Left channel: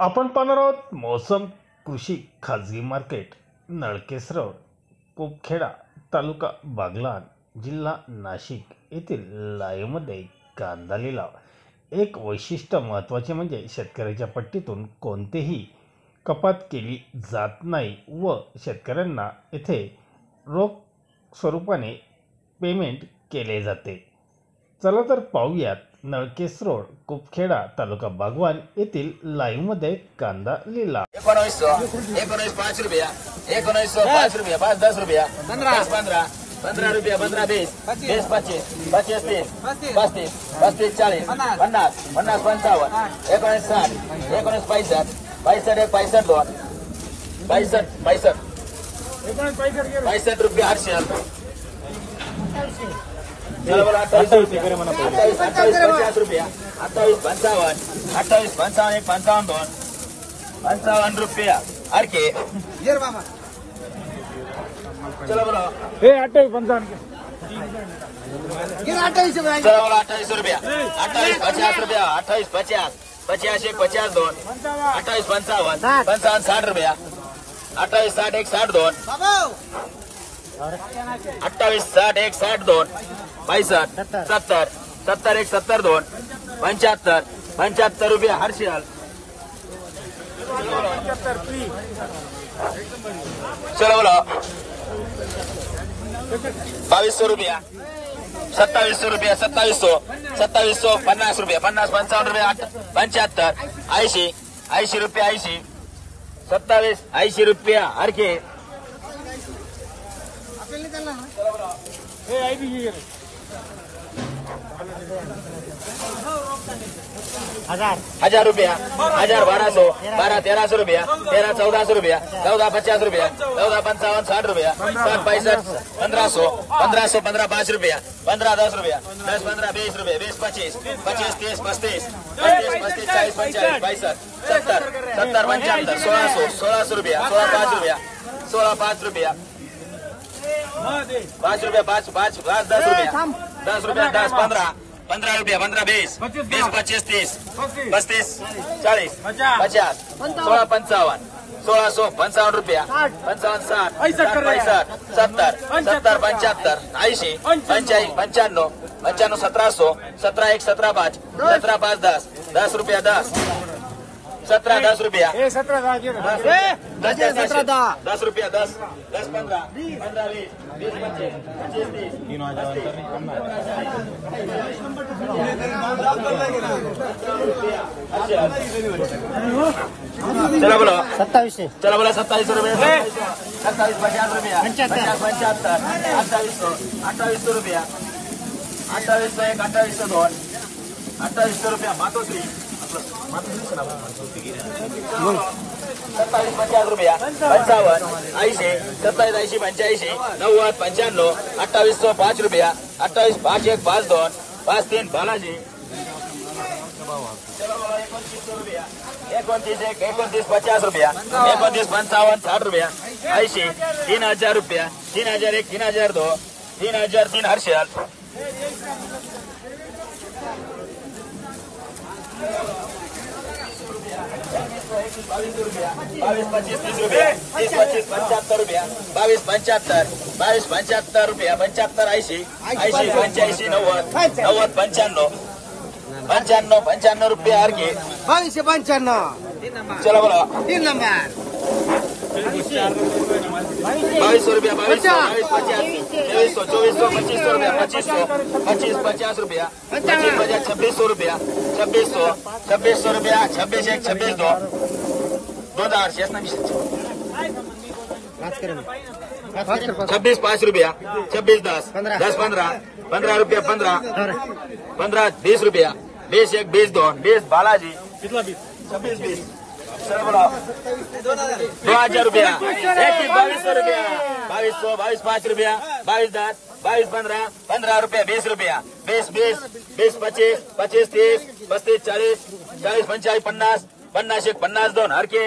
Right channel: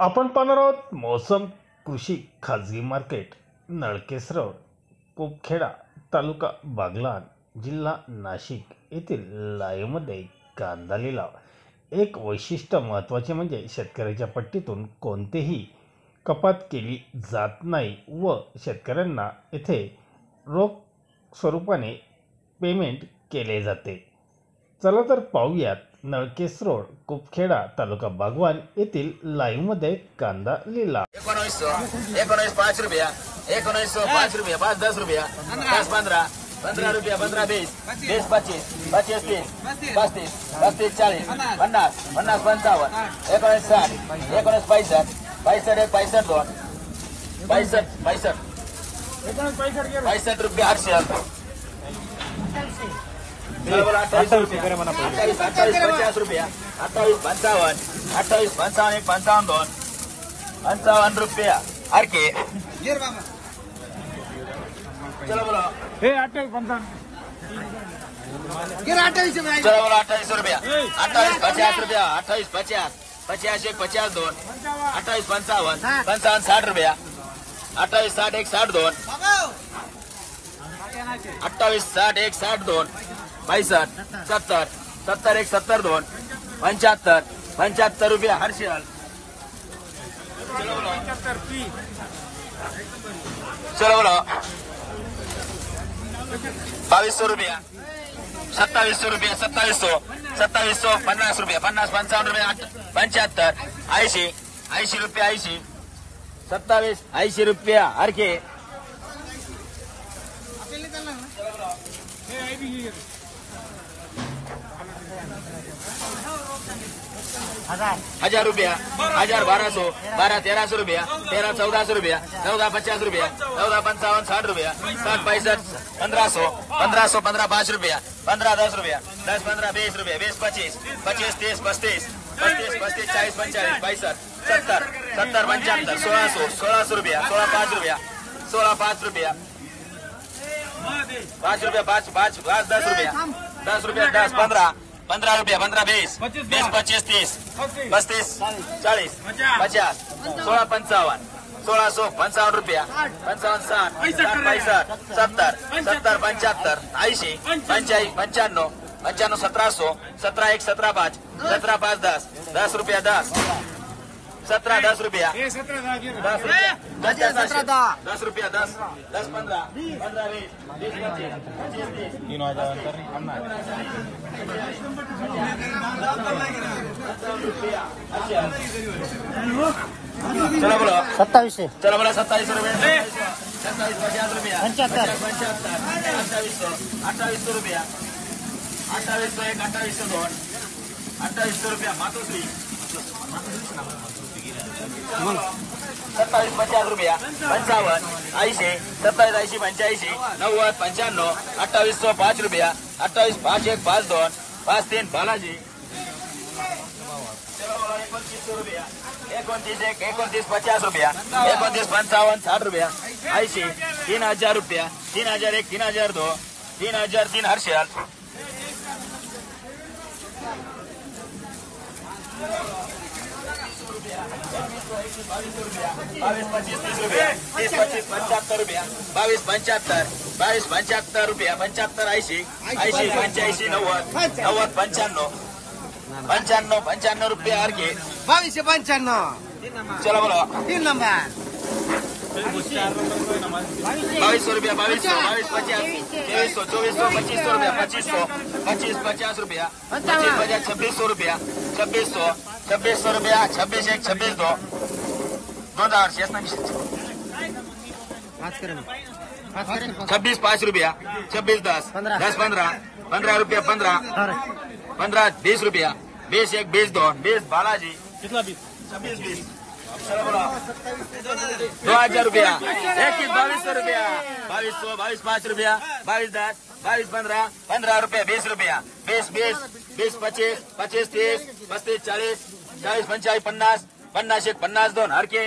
आपण पाहणार आहोत मौसम कृषी खाजगी मार्केट, नळकेस रोड, कुपखेडा, तालुका बागलाण, जिल्हा नाशिक येथील लाईव्हमध्ये कांदा लिलाव। एक वैशिष्ट्य महत्त्वाचे म्हणजे शेतकऱ्याच्या पट्टीतून कोणतेही कपात केली जात नाही व शेतकऱ्यांना येथे रोख स्वरूपाने पेमेंट केले जाते। चला तर पाहूयात नळकेस रोड, कुपखेडा, तालुका बागवान येथील लाईव्हमध्ये कांदा लिलाव। 19 5 रुपया, 19 5 रुपया, 5 10 रुपया, 10 15 15 रुपया, 15 20 20 25 25 30 35 35 40 50 50 55 19 60 19 65 65 65 2 65 65 65 रुपया 800 28 रुपया 28 55 28 55 55 2 55 रुपया आरके चला बोला हे 28 55 चला बोला 28 रुपया 28 50 रुपया 28 50 85 50 2 28 55 55 60 रुपया 28 60 1 60 2 28 60 1 60 2 65 70 70 1 70 2 75 75 रुपया हर्षल चलो बोलो 2200 रुपया 2700 रुपया 2700 50 रुपया 50 55 रुपया 75 80 80 रुपया 80 27 80 रुपया हर के हजार रुपया 1000 1200 12 1300 रुपया 13 1400 रुपया 14 50 रुपया 14 55 60 रुपया 60 65 1500 1500 15 5 रुपया 15 10 रुपया 10 15 20 रुपया 20 25 25 30 35 35 40 45 65 70 70 75 1600 रुपया 16 5 रुपया 16 5 रुपया 5 रुपया 5 5 10 रुपया 10 रुपया 10 15 15 रुपया 15 20 20 25 30 35 40 50 16 55 1655 रुपया 55 60 70 70 75 80 85 95 95 1700 17 1 17 5 17 5 10 10 रुपया 10 17 10 रुपया 10 रुपया 10 10 15 15 चला बोला 2700 चला बोला 27 रुपये 27 50 रुपया 75 2800 रुपया 28 1 28 2 28 रुपया मातोश्री 27 50 रुपया 55 80 27 80 85 90 95 2800 5 रुपया 28 5 1 5 2 5 3 बालाजी 29 1 29 50 रुपया 29 55 60 रुपया 80 3000 रुपया 3000 1 3000 2 3000 3 हर्षल बावीस 25 रुपया 75 रुपया 22 75 रुपया 75 80 80 85 90 90 95 रुपया हर के 2295 चलो बोला 3 नंबर 2200 रुपया 22 2400 25 50 रुपया 2600 रुपया 2600 रुपया 26 1 26 2 26 5 रुपया 26 10 10 15 रुपया 15 20 रुपया 20 1 20 2 20 बालाजी कितना 20 2000 रुपया 2200 रुपया 22 5 रुपया 22 10 22 15 15 रुपया 20 रुपया 20 20 25 25 30 35 40 40 45 50 50 1 50 2 हर के